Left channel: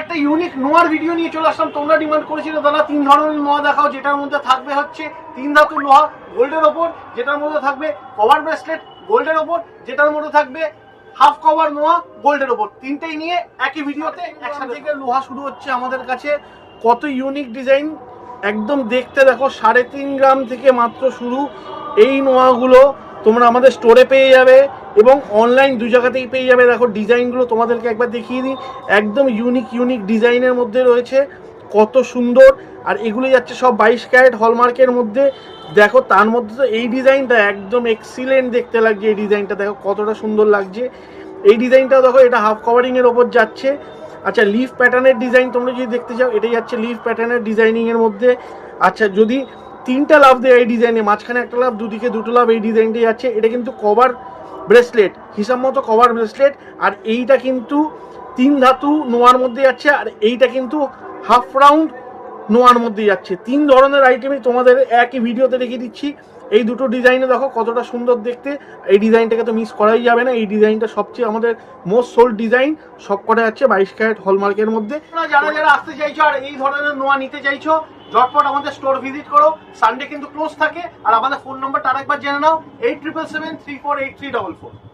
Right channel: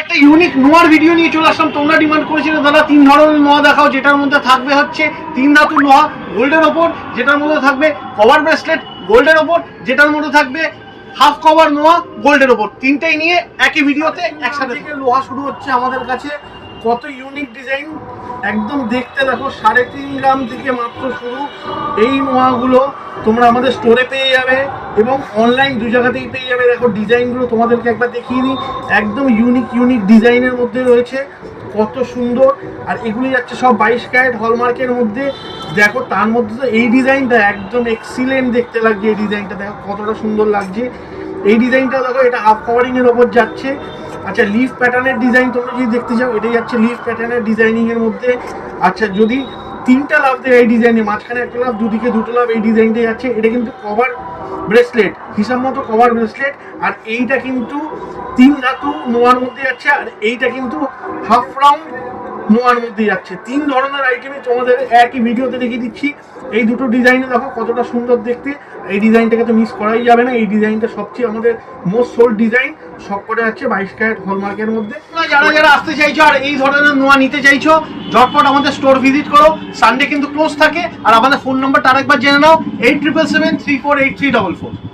একটা unique নোয়ার video নিয়ে চলে আসলাম। তোমরা ডিমান্ড করেছিলে দাদা 3 ধরনের নোয়া দেখাও, যেটার মধ্যে থাকবে হচ্ছে 3 ধাতুর লোহা গোল্ডের ওপর, যেটার মধ্যে থাকবে কভার ব্রেসলেট গোল্ডের ওপর, যেটার মধ্যে থাকবে হাফ কভার নোয়া গোল্ডের ওপর। তিনটেই নিয়ে একই ভিডিওতে একসাথে। থেকে লোহা শুরু হচ্ছে আমাদের কাছে, কত ইউনিক ডিজাইন, একদম দেখতে দেখো 3.5 গ্রাম থেকে মাত্র শুরু। এই নোয়াগুলো তোমরা আমাদের স্টোরে পেয়ে যাবে এবং অনলাইন দু জায়গাতেই পেয়ে যাবে। দেখো ডিজাইনগুলো তোমাদেরকে একবার দেখিয়ে দিই, একদম ইউনিক ডিজাইনের মধ্যে রয়েছে, কত সুন্দর। আর এগুলি যাচ্ছে সব 22 ক্যারেট হলমার্কের মধ্যে। দেখো তার মধ্যে তো এই ডিজাইনটা একদম এক্সিলেন্ট দেখতে লাগছে। এই ডিজাইনটা দেখো কতটা সুন্দর লাগছে। এই ডিজাইনটা দেখো, এটা হাফ কভারিংয়ের ওপর যাচ্ছে। আচ্ছা, লিফ প্যাটার্নের ডিজাইন তোমরা যদি দেখতে চাও, এটা যাচ্ছে লিফ প্যাটার্নের ডিজাইনিংয়ের মধ্যে। আচ্ছা, যদি 3টা লাভ দেয় এই ডিজাইনে, মাঝখানে একটা লাভ, দুদিকে 2টো লাভ, এই ডিজাইনটা যাচ্ছে। এটা কিন্তু কভার ব্রেসলেট, হিসাব মতো কভার ব্রেসলেট। আর এইটা কিন্তু 3 ধাতু নোয়ার মধ্যে যাচ্ছে, আর এইটা কিন্তু হাফ রাউন্ড নোয়ার মধ্যে যাচ্ছে। 3 ধরনের আইটেমই তোমাদের একই ভিডিওতে দেখিয়ে দিচ্ছি। এই দুটো ডিজাইনে দেখো কতটা সুন্দর দেখতে। এই ডিজাইনটাকে তো মিস করাই যাবে না। এই ডিজাইনটা সবচেয়ে আমাদের মোস্ট সোল্ড ডিজাইন, সব কটা যাচ্ছে 22 ক্যারেট হলমার্কের মধ্যে। যারা আসতে চাইছো আর এই ধরনের নোয়া নিতে চাইছো, ঝটপট আমাদের স্টোর ভিজিট করো। সানডে কিন্তু ক্লোজ থাকে। আর আমাদের ফোন নাম্বারটা আরেকবার জেনে নাও, 8777348344।